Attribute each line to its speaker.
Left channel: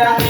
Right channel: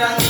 Speaker 1: Obrigada.